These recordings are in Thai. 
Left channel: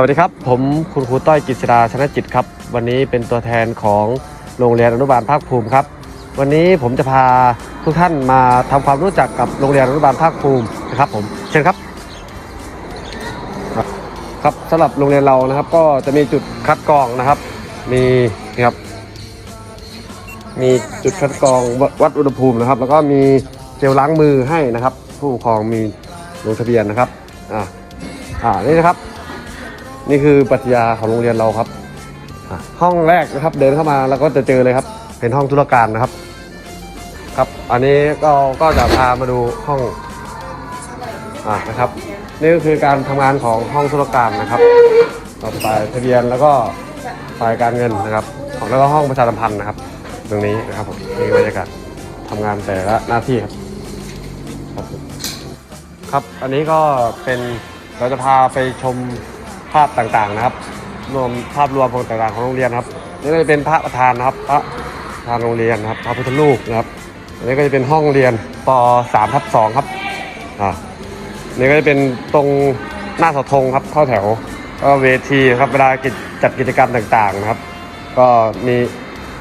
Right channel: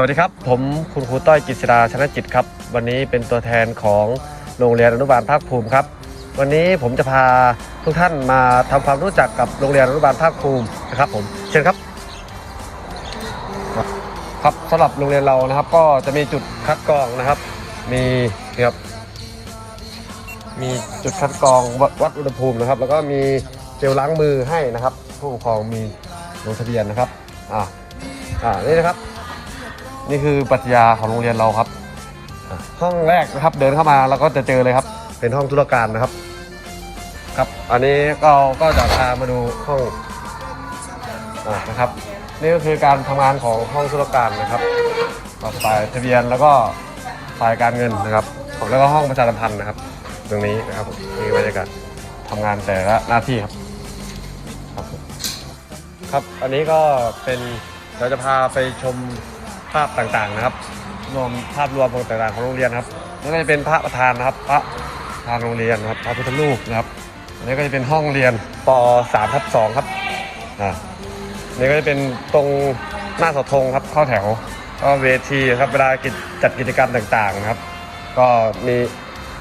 สวัสดีครับ ผมคุณครูต้อยกิษดาชนะจิตครับ วันนี้เป็นตัวแทนของโรงเรียนอนุบาลภาคภูมิครับ วันนี้ผมจะพาทุกท่านมาทำความรู้จักกับโรงเรียนอนุบาลภาคภูมินะครับผมเชิญครับ ครับสำหรับโรงเรียนเรานะครับ ก็จะมีจุดคัดกรองนะครับ มีนี่ครับมีจุดคัดกรองววัดอุณหภูมินะครับ แล้วก็มีเจลล้างมือให้นะครับ ผู้ปกครองมีลงทะเบียนนะครับอ่าอ่านี่นะครับ นี่คือปรัชญาของโรงเรียนเราครับ ห้องแรกนะครับเดินเข้ามาแล้วก็จะเจอเลยครับ เป็นห้องธุรการนะครับ ครับ อันนี้ก็ก็จะพามาดูห้องอ่านะครับนี่ก็คือการทำงานของห้องธุรการนะครับเราฝ่ายทะเบียนแล้วก็ฝ่ายการเงินนะครับ แล้วก็ห้องประชาสัมพันธ์นะครับตรงนี้นะครับบรรยากาศทำงานแต่ละหน้าที่ครับ ครับ อันนี้ก็เป็นเราจะพาไปชม ภาพต่างๆนะครับ รวมภาพรวมของต่างๆของโรงเรียนครับนี่ก็จะเป็นพระประธานนะครับพระประธานโรงเรียนนะครับพระพุทธรูปนะครับนนี้ก็จะเป็นห้องเรียนป .3 ทับ2ครับอ่านี่ก็จะเป็นตรงหน้าเสาธงครับเข้าแถวก็เวทีครับเวลากิจจัดกิจกรรมต่างๆนะครับ ก็มี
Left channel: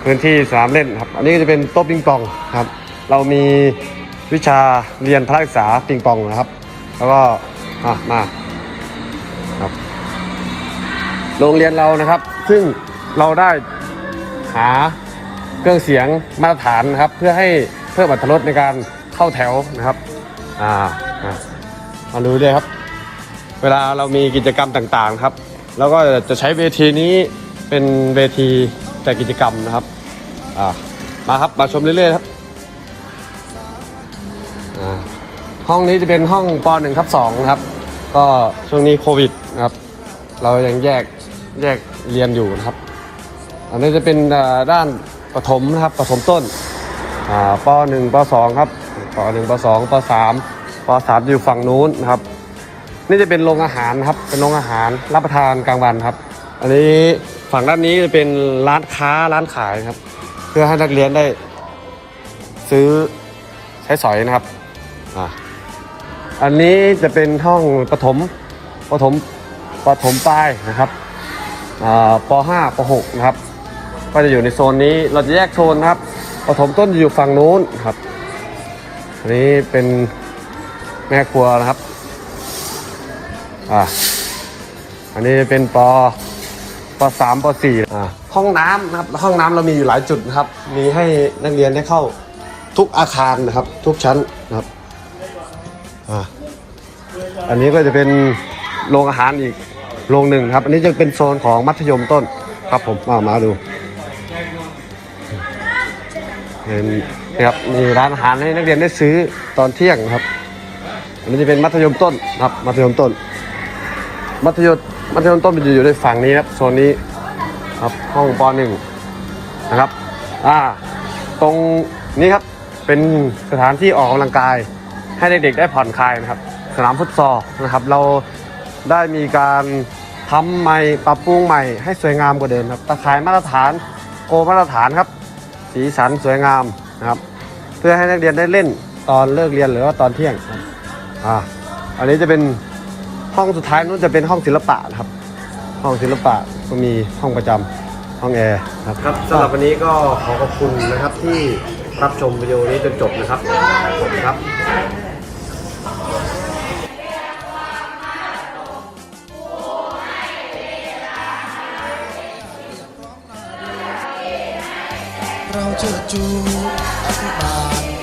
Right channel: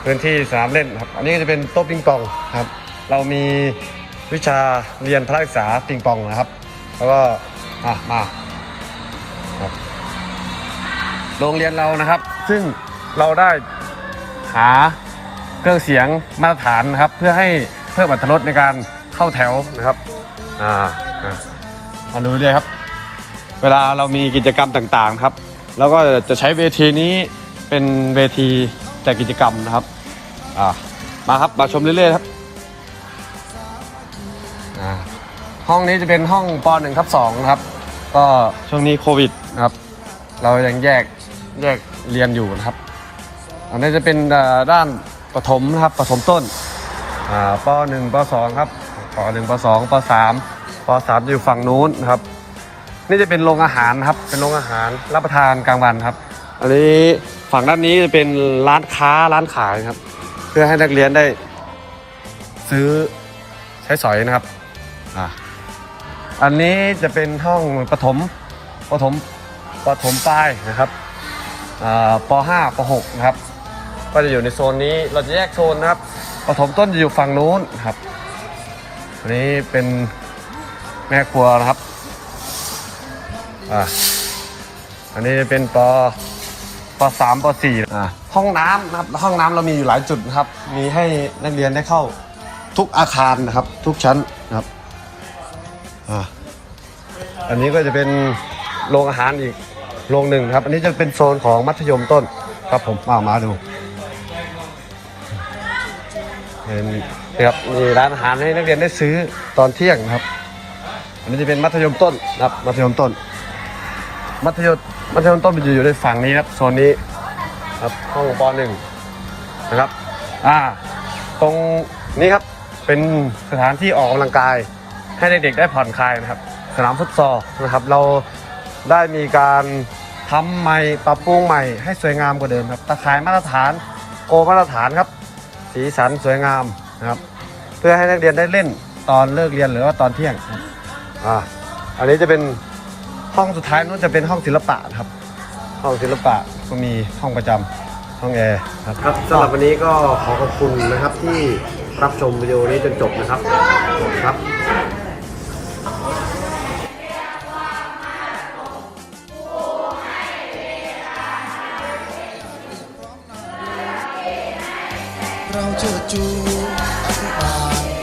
พื้นที่สนามเล่นครับ อันนี้ก็จะเป็นโต๊ะปิงปองครับ เรามีวิชาเรียนพระศึกษาปิงปองนะครับ แล้วก็อะมา โรงเรียนเรานะครับ ซึ่งเราได้หาเครื่องเสียงมาตรฐานนะครับ เพื่อให้เพิ่มอรรถรสในการเข้าแถวนะครับอ่าครับมาดูเลยครับ เวลาเรามีกิจกรรมต่างๆครับแล้วก็จะใช้เวทีนี้เป็นเวทีจัดกิจกรรมนะครับอ่ามาครับมาชมเรื่อยๆครับอ่าห้องนี้จะเป็นห้องป .1 ครับ2ครับ ก็ช่วงนี้โควิดนะครับ เรายังแยกแยกเรียนอยู่นะครับ อันนี้จะเป็นด้านประถมนะครับประถมต้นอ่าป .1 ป .2 ครับป .1 ป .2 ป .3 ป .3 อยู่ฝั่งนู้นนะครับ นี่จะเป็นโรงอาหารครับ เป็นโรงอาหารรับประทานกลางวันครับ อันนี้ฝั่งด้านนี้จะเป็นร้านค้าร้านขายครับ เพื่อให้นักเรียนได้ ซื้อใช้สอยนะครับอ่าอันนี้จะเป็นห้องประถมประถม ปถมปลายนะครับป .5 ป .6 นะครับก็จะอยู่ในโซนนี้เราจะแยกโซนนะครับปฐมต้นจะอยู่ฝั่งนู้นครับอันนี้เป็นแม่ครัวนะครับอ่าอันนี้เป็นปปสามปสี่อ่าห้องน้ำนะครับห้องน้ำเรามีอยู่หลายจุดนะครับ มีให้นักเรียนได้เข้าทุกอาคารนะครับ ทุกชั้นนะครับอ่าอันนี้ก็จะเป็นโรงอาหารอีก โรงหนึ่งครับ อันนี้จะเป็นโซนของมัธยมต้นครับผมมามาดูเป็นนะครับมีร้านอาหารให้นักเรียนได้ซื้อตอนเที่ยงนะครับ อันนี้จะเป็นมัธยมต้นครับ มัธยมต้น มัธยมมัธยมต้นมันจะอยู่ในฝั่งนี้ครับโซนนี้ครับห้องปหนึ่งนะครับ อ่า ตรงนี้ครับเป็นสถานที่ออกกำลังกาย ให้เด็กๆได้ผ่อนคลายนะครับ สนามฟุตซอลนะครับ เรา ได้มีการทำใหม่ปรับปรุงใหม่ให้สวยงามกว่าเดิมครับตะข่ายมาตรฐานโคมาตรฐานครับ สีสันสวยงามนะครับ เพื่อให้นักเรียนได้เล่นตอนเลิกเรียนหรือว่าตอนเที่ยงครับอ่าอันนี้จะเป็นห้องสุดท้ายนู้นจะเป็นห้องศิลปะนะครับ ห้องศิลปะก็มีห้องประจำห้องแอร์ครับสำหรับวันนี้ก็ขอขอบคุณนะครับที่รับชมวิดีโอนี้จนจบนะครับขอบคุณครับ เราเชิดชูอภิบาล